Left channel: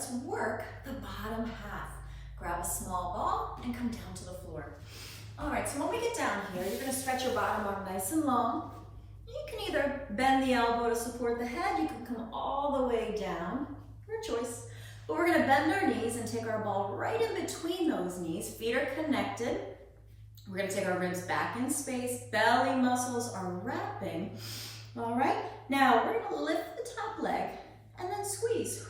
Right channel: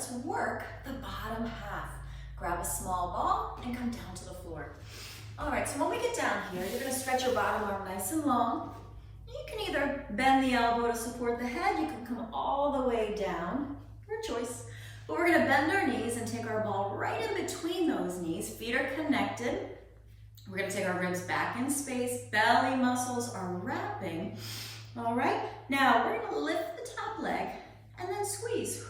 let's work the bottom half. Grab a small ball and come down to the floor. All right, so when we get down here, you're gonna stretch your bottom arm nice and long. You can either bend the elbow to support the head, you can come all the way down, your choice. But we're gonna bend our knees and take our ball right in between those knees. Feet are connected. We're gonna take our ribs back in space. Belly muscles are wrapping. All right, now we're gonna lift the top leg and then squeeze.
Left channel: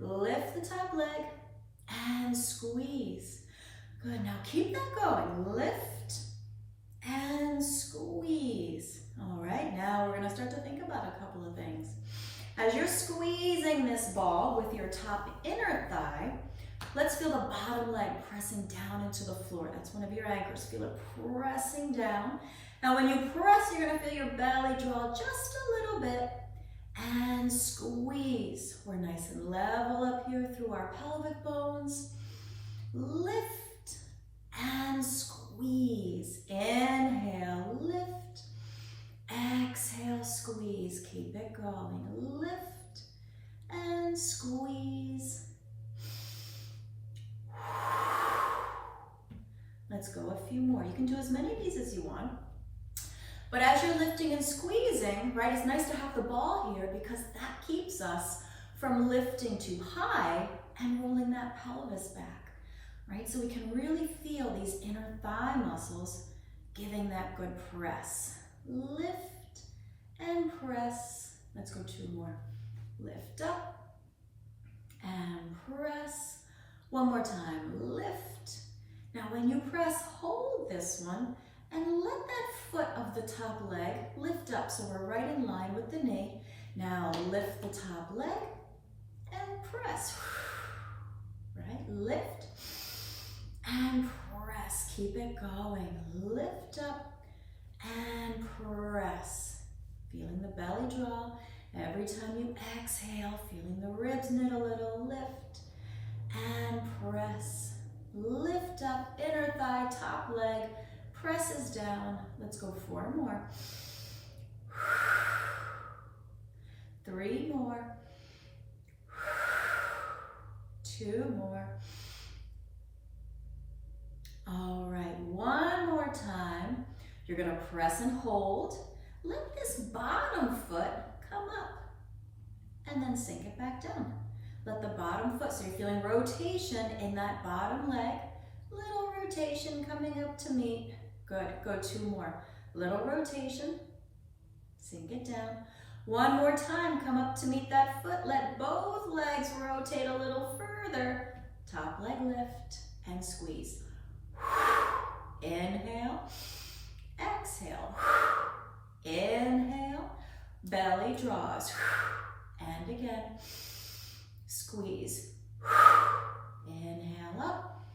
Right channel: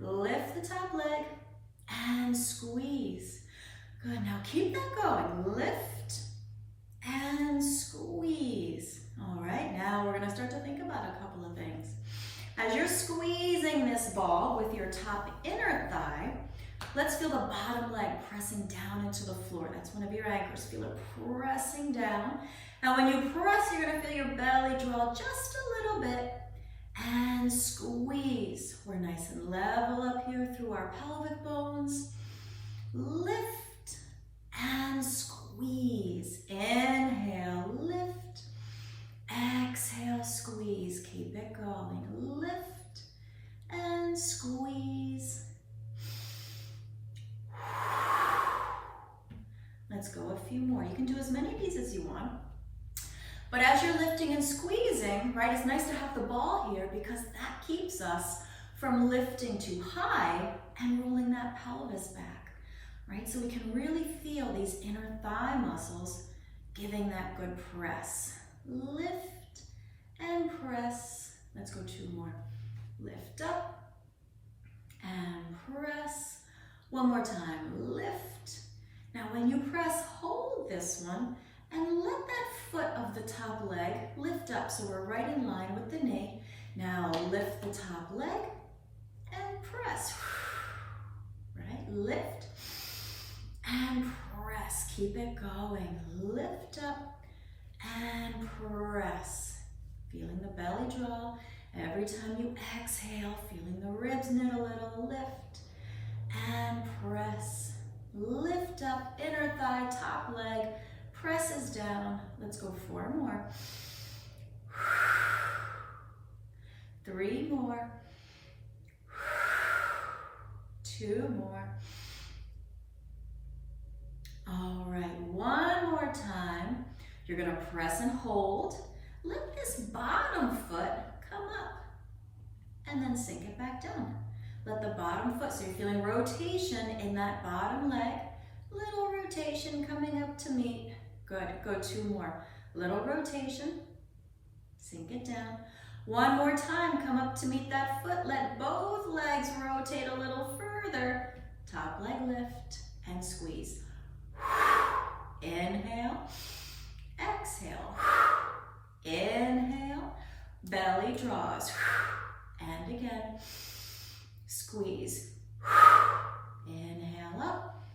Lift the top leg and squeeze. Good, now keep that going. Lift and squeeze. All right, now we're gonna start to think about a couple of things. As you're squeezing this ball with your top inner thigh, let's feel the bottom leg pressing down into the floor. That's one of your anchors. Feel it pressing down. Now when you press, you're gonna feel your belly draw just a little bit and squeeze. We're nice and level up here through our pelvic bones. Lift and squeeze. Inhale, lift. Exhale, squeeze. Keep it going. Lift and squeeze. Let's go a few more. You can do as many of these as you want. But as you're lifting and squeezing, right, it's nice to have the ball here because that keeps us from lifting too high and rolling that pelvis back, right? So we can really feel these inner thigh muscles giving that good press. Lift and press. Let's go two more. Lift up and press. One more time. Lift. Now when you press, hold this one and let that foot of the top leg lift up so we're right in line with the knee. Now lift the top leg and press. Right? Lift and press. Keep it going. Lift up and press. Feeling the belly draw. Every time you exhale, feeling the ribs knit a little. Lift and press. Lift up, inner thigh, top leg, presses down. Let's go four more. Three more. Two more. All right, one more time. You're gonna press and hold. Let this bottom foot come up and then sink it back down. Let the bottom foot, so you're feeling rotation in that bottom leg. Little rotation coming up to meet. Good, go two more. Little rotation, sink it down. One more time, come up to meet that foot. Let both legs rotate a little further. Top leg lift and squeeze. Inhale, exhale. Inhale, belly draws. And again. Squeeze. Inhale up.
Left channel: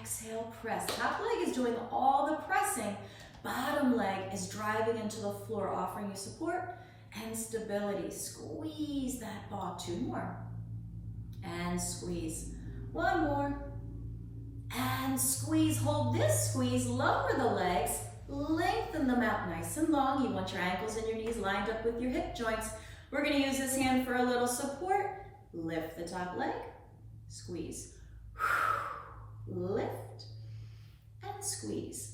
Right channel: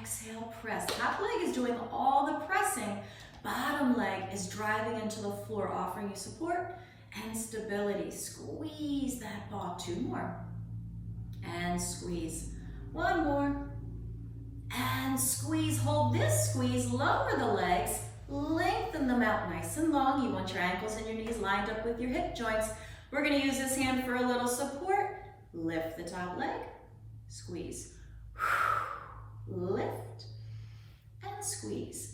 Exhale, press. Top leg is doing all the pressing. Bottom leg is driving into the floor, offering you support and stability. Squeeze that ball. Two more. And squeeze. One more. And squeeze. Hold this squeeze. Lower the legs. Lengthen them out nice and long. You want your ankles and your knees lined up with your hip joints. We're going to use this hand for a little support. Lift the top leg, squeeze, lift, and squeeze.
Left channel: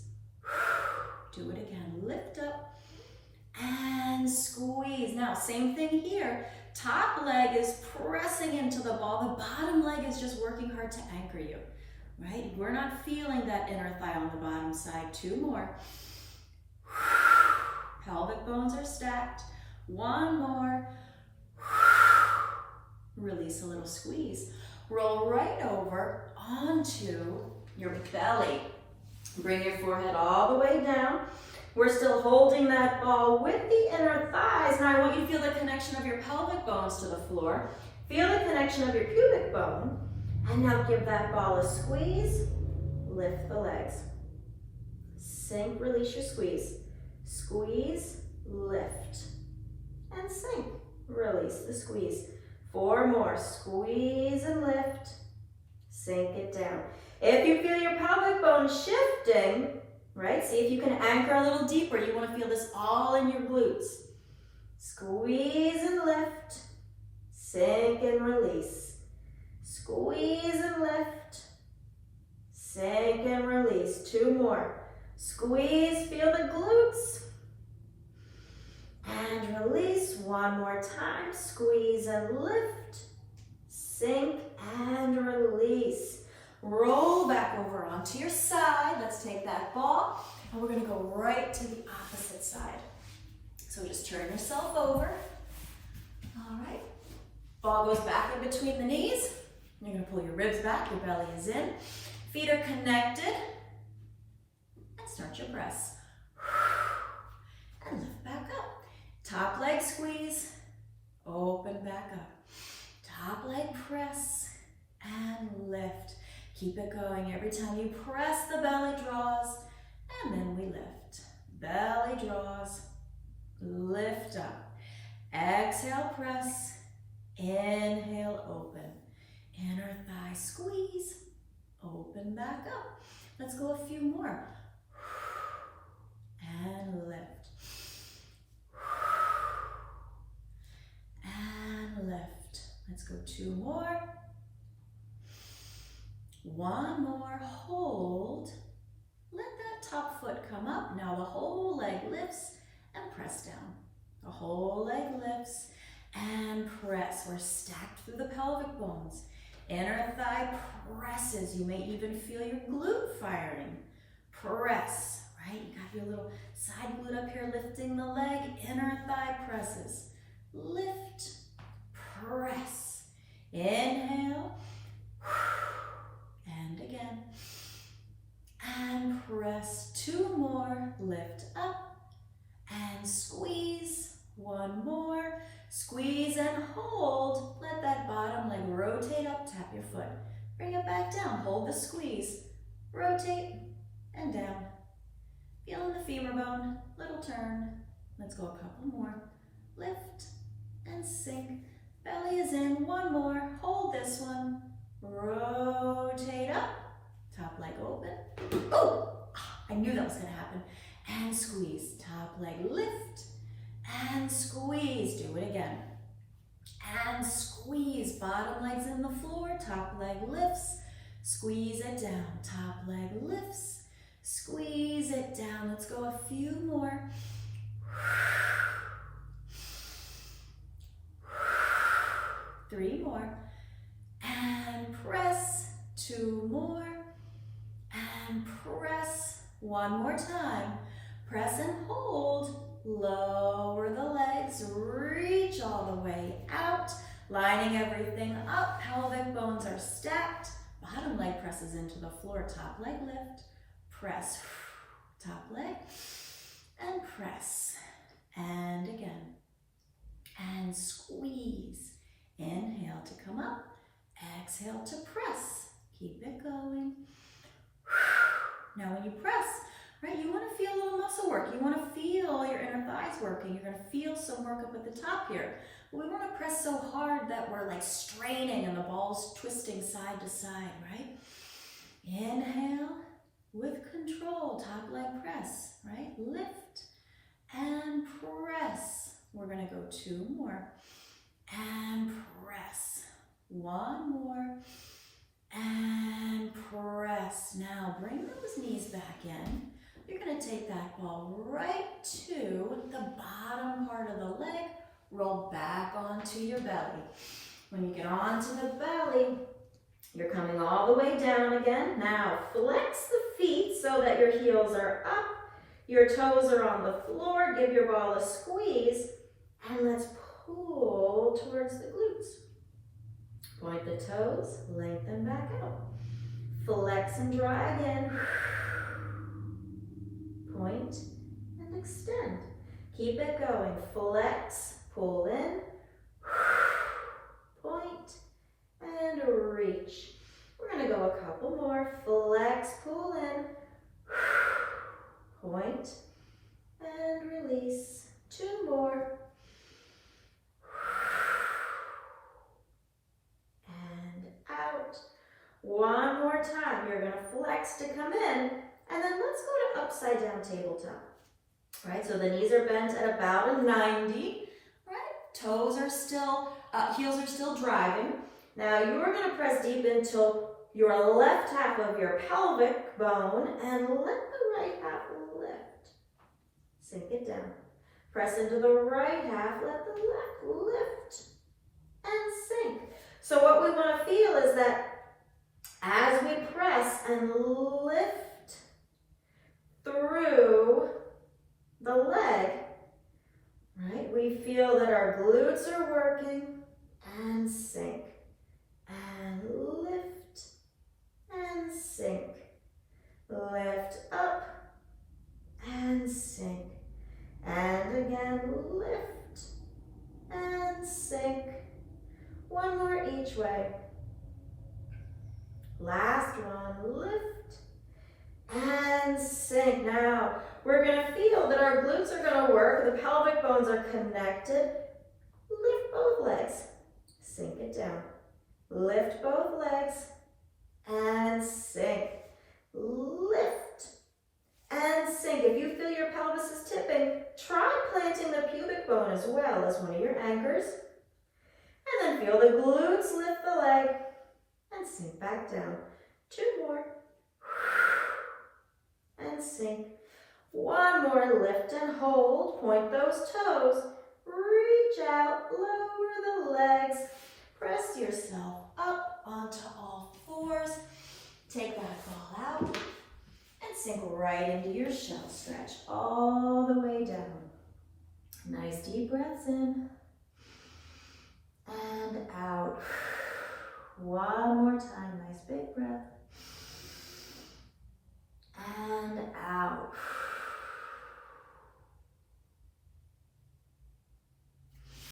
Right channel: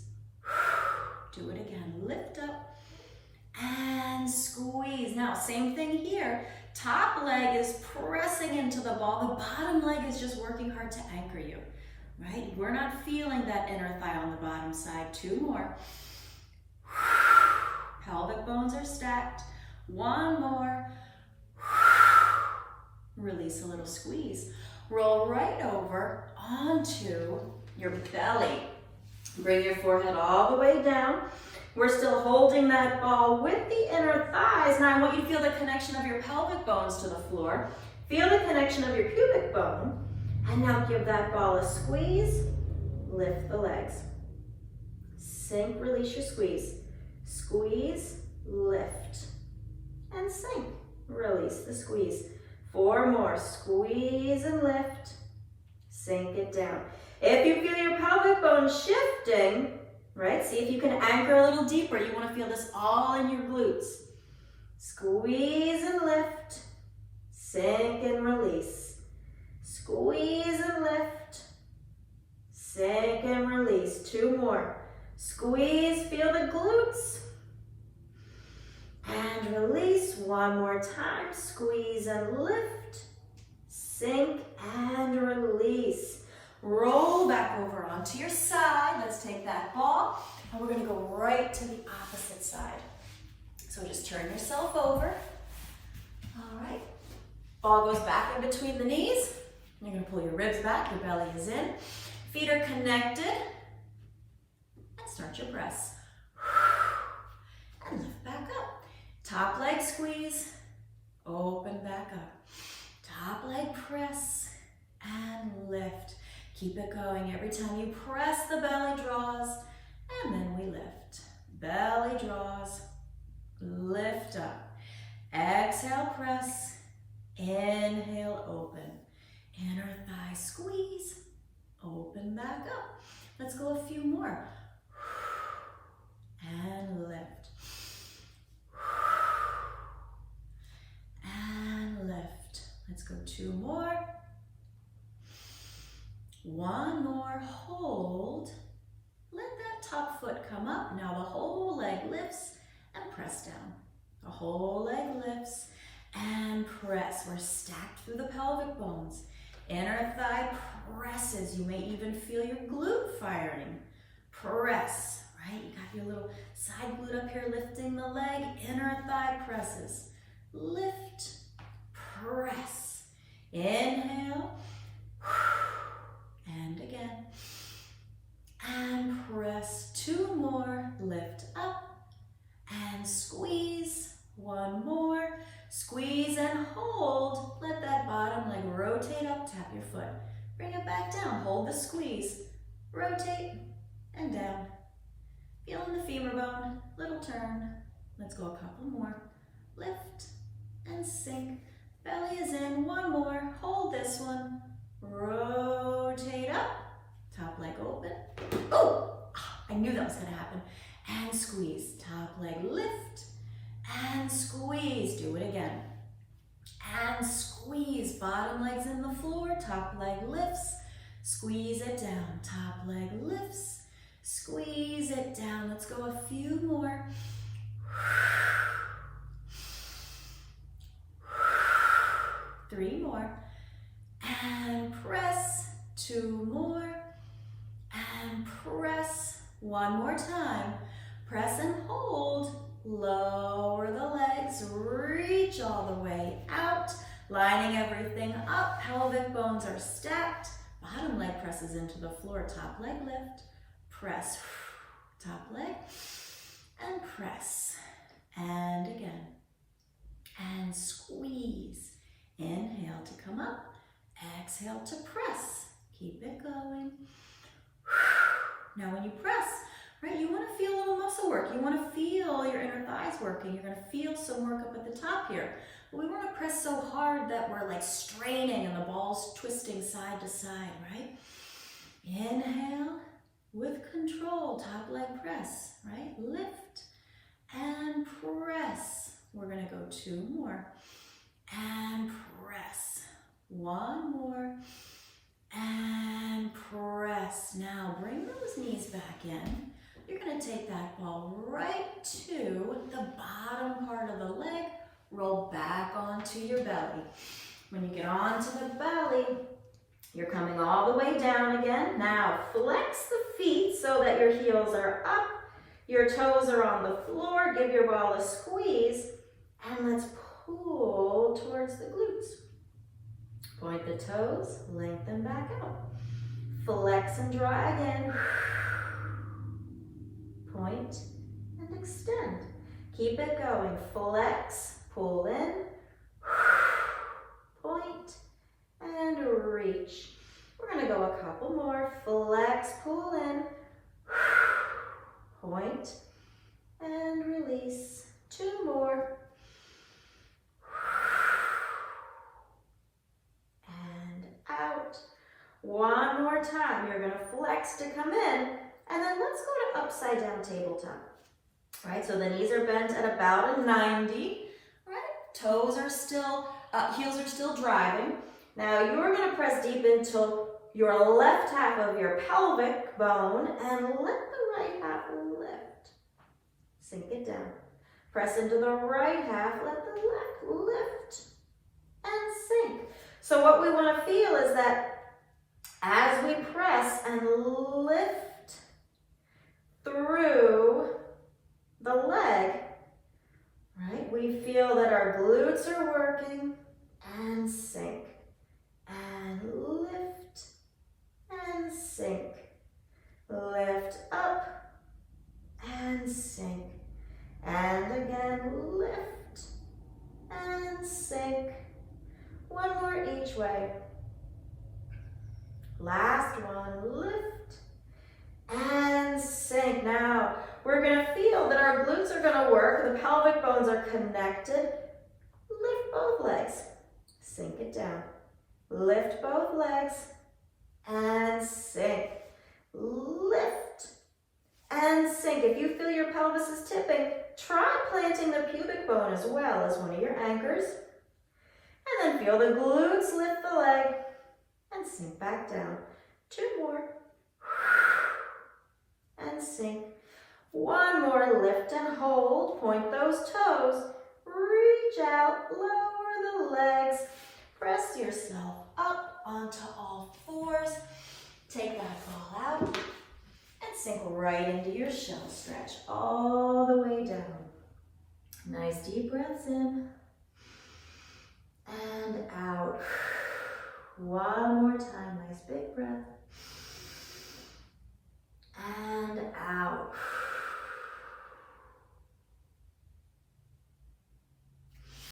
Do it again, lift up, and squeeze. Now, same thing here. Top leg is pressing into the ball. The bottom leg is just working hard to anchor you, right? We're not feeling that inner thigh on the bottom side. Two more. Pelvic bones are stacked. One more. Release a little squeeze. Roll right over onto your belly. Bring your forehead all the way down. We're still holding that ball with the inner thighs. Now I want you to feel the connection of your pelvic bones to the floor. Feel the connection of your pubic bone. And now give that ball a squeeze. Lift the legs. Sink, release your squeeze. Squeeze, lift, and sink. Release the squeeze. Four more. Squeeze and lift. Sink it down. If you feel your pelvic bone shifting, right? See if you can anchor a little deeper. You want to feel this all in your glutes. Squeeze and lift. sink and release. Squeeze and lift, sink and release. 2 more. Squeeze, feel the glutes. And release. 1 more time. Squeeze and lift, sink and release. Roll back over onto your side. Let's take that ball and we're gonna go right to the opposite side. So just turn yourself over. All right. Ball goes back in between the knees. You're gonna pull your ribs back, your belly is in. Feet are connected. And start your press. And lift back up. Top leg squeeze, open back up. Top leg press and lift. Keep it going. Every time you press, the belly draws, and then we lift. Belly draws, lift up. Exhale, press. Inhale, open. Inner thigh squeeze, open back up. Let's go a few more. And lift. And lift. Let's go 2 more. 1 more, hold. Let that top foot come up. Now the whole leg lifts and press down. The whole leg lifts and press. We're stacked through the pelvic bones. Inner thigh presses. You may even feel your glute firing. Press, right? You got your little side glute up here lifting the leg. Inner thigh presses. Lift, press. Inhale. And again. And press. 2 more. Lift up and squeeze. 1 more. Squeeze and hold. Let that bottom leg rotate up. Tap your foot. Bring it back down. Hold the squeeze. Rotate and down. Feeling the femur bone. Little turn. Let's go a couple more. Lift and sink. Belly is in. 1 more. Hold this one. Rotate up. Top leg open. Oh! I knew that was going to happen. And squeeze. Top leg lift. And squeeze. Do it again. And squeeze. Bottom leg's in the floor. Top leg lifts. Squeeze it down. Top leg lifts. Squeeze it down. Let's go a few more. 3 more. And press. 2 more. And press. 1 more time. Press and hold. Lower the legs. Reach all the way out. Lining everything up. Pelvic bones are stacked. Bottom leg presses into the floor. Top leg lift. Press. Top leg. And press. And again. And squeeze. Inhale to come up. Exhale to press. Keep it going. Now when you press, right, you want to feel a little muscle work. You want to feel your inner thighs working. You're going to feel some work up at the top here. But we want to press so hard that we're like straining and the ball's twisting side to side, right? Inhale with control, top leg press, right? Lift and press. We're going to go 2 more. And press. 1 more. And press. Now bring those knees back in. You're going to take that ball right to the bottom part of the leg. Roll back onto your belly. When you get onto the belly, you're coming all the way down again. Now flex the feet so that your heels are up. Your toes are on the floor. Give your ball a squeeze. And let's pull towards the glutes. Point the toes, lengthen back out. Flex and draw again. Point and extend. Keep it going. Flex, pull in, point, and reach. We're going to go a couple more. Flex, pull in, point, and release. 2 more. Out. 1 more time. You're going to flex to come in, and then let's go to upside down tabletop. All right, so the knees are bent at about a 90. Right, toes are still heels are still driving. Now you're going to press deep into your left half of your pelvic bone and let the right half lift. Sink it down. Press into the right half, let the left lift and sink. So what we want to feel is that as we press and lift through the leg, right, we feel that our glutes are working and sink and lift and sink. Lift up and sink. And again, lift and sink. One more each way. Last one, lift and sink. Now, we're going to feel that our glutes are going to work. The pelvic bones are connected. Lift both legs. Sink it down. Lift both legs and sink. Lift and sink. If you feel your pelvis is tipping, try planting the pubic bone as well as one of your anchors. And then feel the glutes lift the leg and sink back down. 2 more. And sink. 1 more, lift and hold. Point those toes. Reach out, lower the legs. Press yourself up onto all 4s. Take that ball out and sink right into your shell stretch all the way down. Nice deep breaths in and out. 1